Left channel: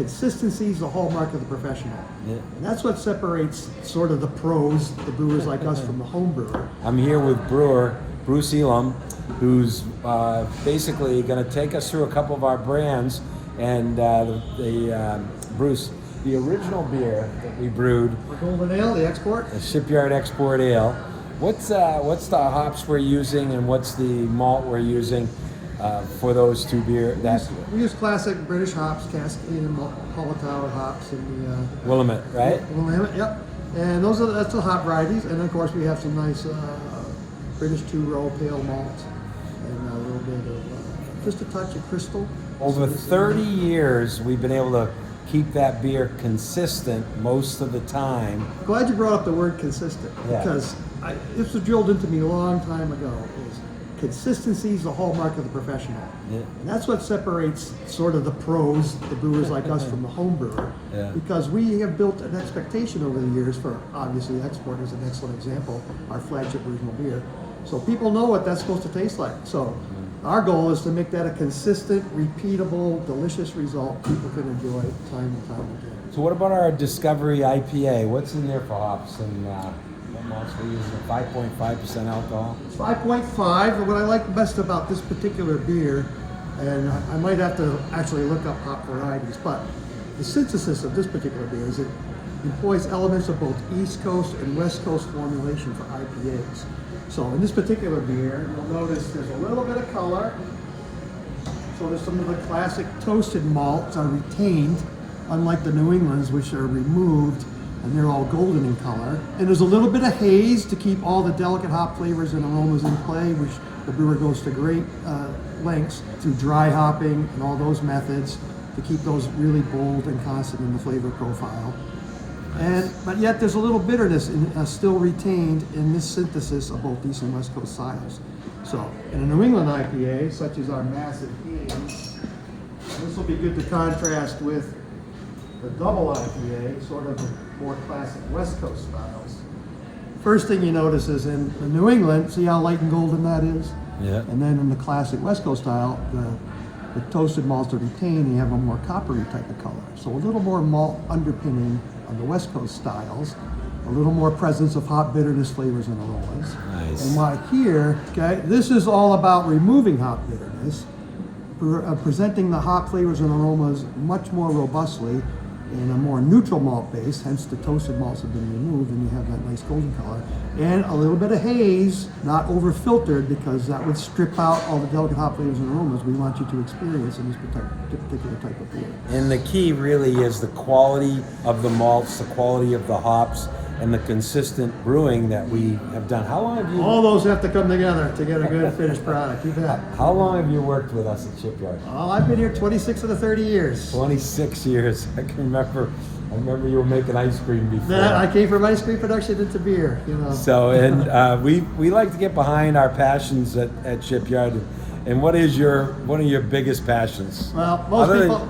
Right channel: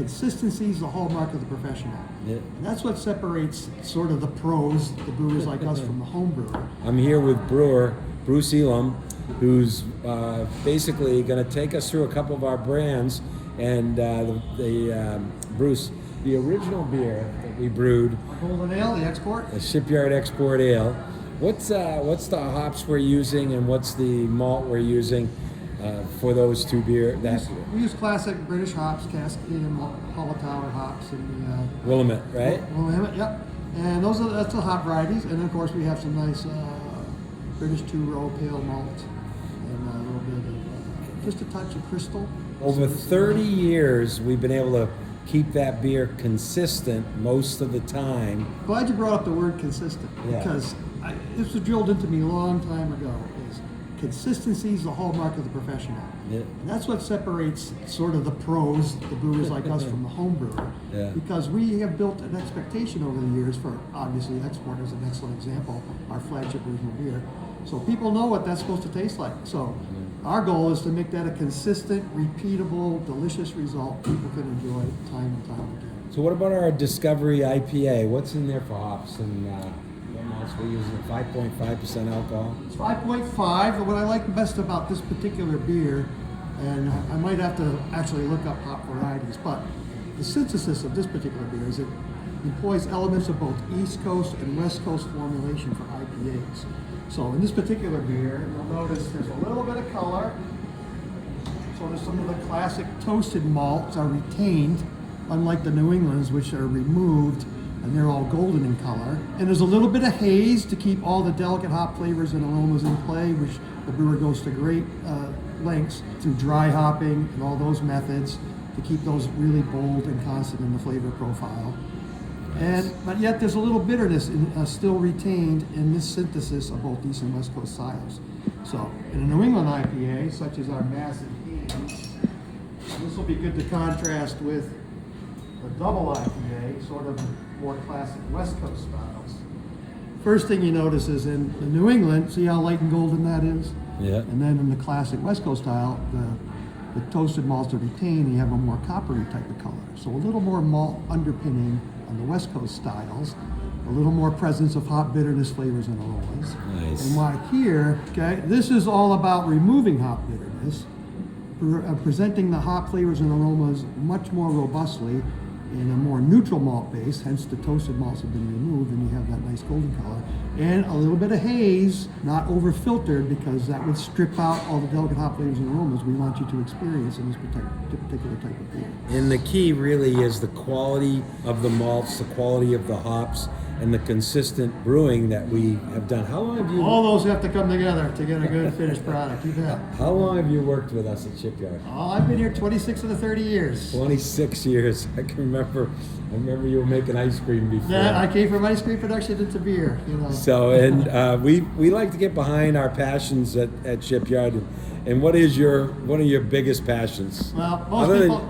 consistency is the hallmark of the professional. Yeah. And that's what separates sort of the pros, the brewers like us, from the home brewer. I'm here with brewer Bruce who's basically going to take us through a couple of our brands. And Bruce, the original beer that we brewed, our golden ale, the export, the Shipyard Export Ale. What's the hops we're using, and what's the malt we're using for those two beer? We use classic British hops, Cascadian, Hallertauer hops, and the Willamette, right? Willamette, yep. And that's the hop varieties, and of course we have some nice British two-row pale malt, and a little bit of just a touch of crystal. Over 30 years, we've been able to keep that beer consistent most of the time. Glad you brought up the word consistent, because this was drilled into me a long time ago. Consistency is the hallmark of the professional. Yeah. And that's what separates sort of the pros, the brewers like us, from the home brewer. Yeah. Because we have built an expectation over the years for, obviously, export is an excellent example, our flagship original beer. So people know what that's supposed to taste like. So our goal is to make that a consistent, repeatable, delicious result people can enjoy time and time again. So what about our Discovery IPA? What's in there for hops and what malts we use? 5.5% alcohol? It's 5.5. And what I like best about this particular beer, and I might have to actually look up hop varieties, but the synthesis of this particular beer is it employs elements of both East Coast and West Coast formulation for IPAs. So in this particular beer, you'll notice there's a little bit of color. So there's some of the classic toasted malts are retained, unlike the New Englands, which are removed, and they're all golden in color. And there's a little bit of haze to keep all the delicate hop flavors and aromas in play, which the brewer goes to great lengths through dry hopping and all those methods to keep those really bold and constant in the flavor profile. But yet there's a little bitterness still retained in this synthesis of both East and West Coast styles. So in a New England IPA, such as our Massive Haze, this will be good to contrast with the double IPA, sort of the more classic West Coast styles. First thing you notice is in the New England, see how light and golden that is? Yeah. And then in the classic West Coast style, the toasted malts are retained and you have a more coppery type of color. So a little more malt underpinning on the West Coast styles, a little more presence of hop bitterness flavors and aromas. Nice. And why here, okay, this is all about removing hop bitterness, presenting the hop flavors and aromas much more robustly in a more neutral malt base, hence the toasted malts have been removed and you have that nice golden color. And a little bit of haze, not over filtered, because that would strip out all the delicate hop flavors and aromas we want you to experience in this particular type of beer. And the key really is the quality of the malts, the quality of the hops, and the consistent brewing that we have done. How long have you... All those have to come together to get a good finished product. You bet. How long have you worked with us at Shipyard? Oh, I've been here 26 of the 30 years. 26 years. I can remember you were making ice cream before. I came from ice cream production into beer, you know. So, and we like to get behind our passions at Shipyard. And what are your biggest passions? Well,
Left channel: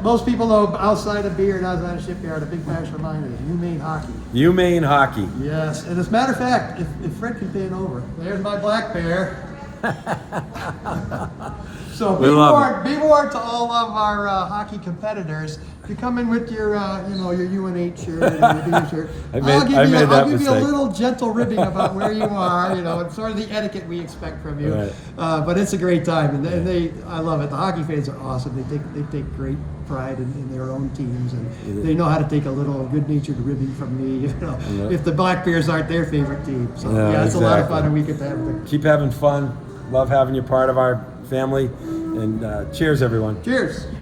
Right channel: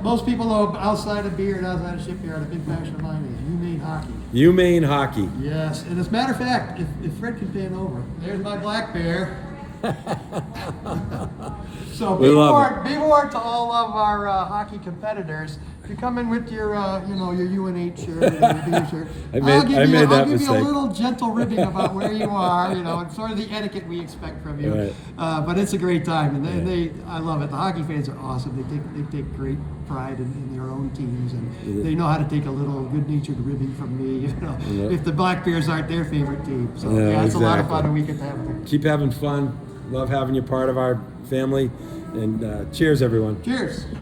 most people know outside of beer and outside of Shipyard, a big passion of mine is UMaine hockey. UMaine hockey. Yes, and as a matter of fact, if Fred can pan over, there's my black bear. So be warned to all of our hockey competitors. If you come in with your UNH shirt and your B shirt, I'll give you a little gentle ribbing about where you are, and sort of the etiquette we expect from you. Right. But it's a great time, and I love it. The hockey fans are awesome. They take great pride in their own teams, and they know how to take a little good-natured ribbing from me. If the Black Bears aren't their favorite team, so it's a lot of fun, and we get to have it. Keep having fun. Love having you part of our family, and cheers, everyone. Cheers.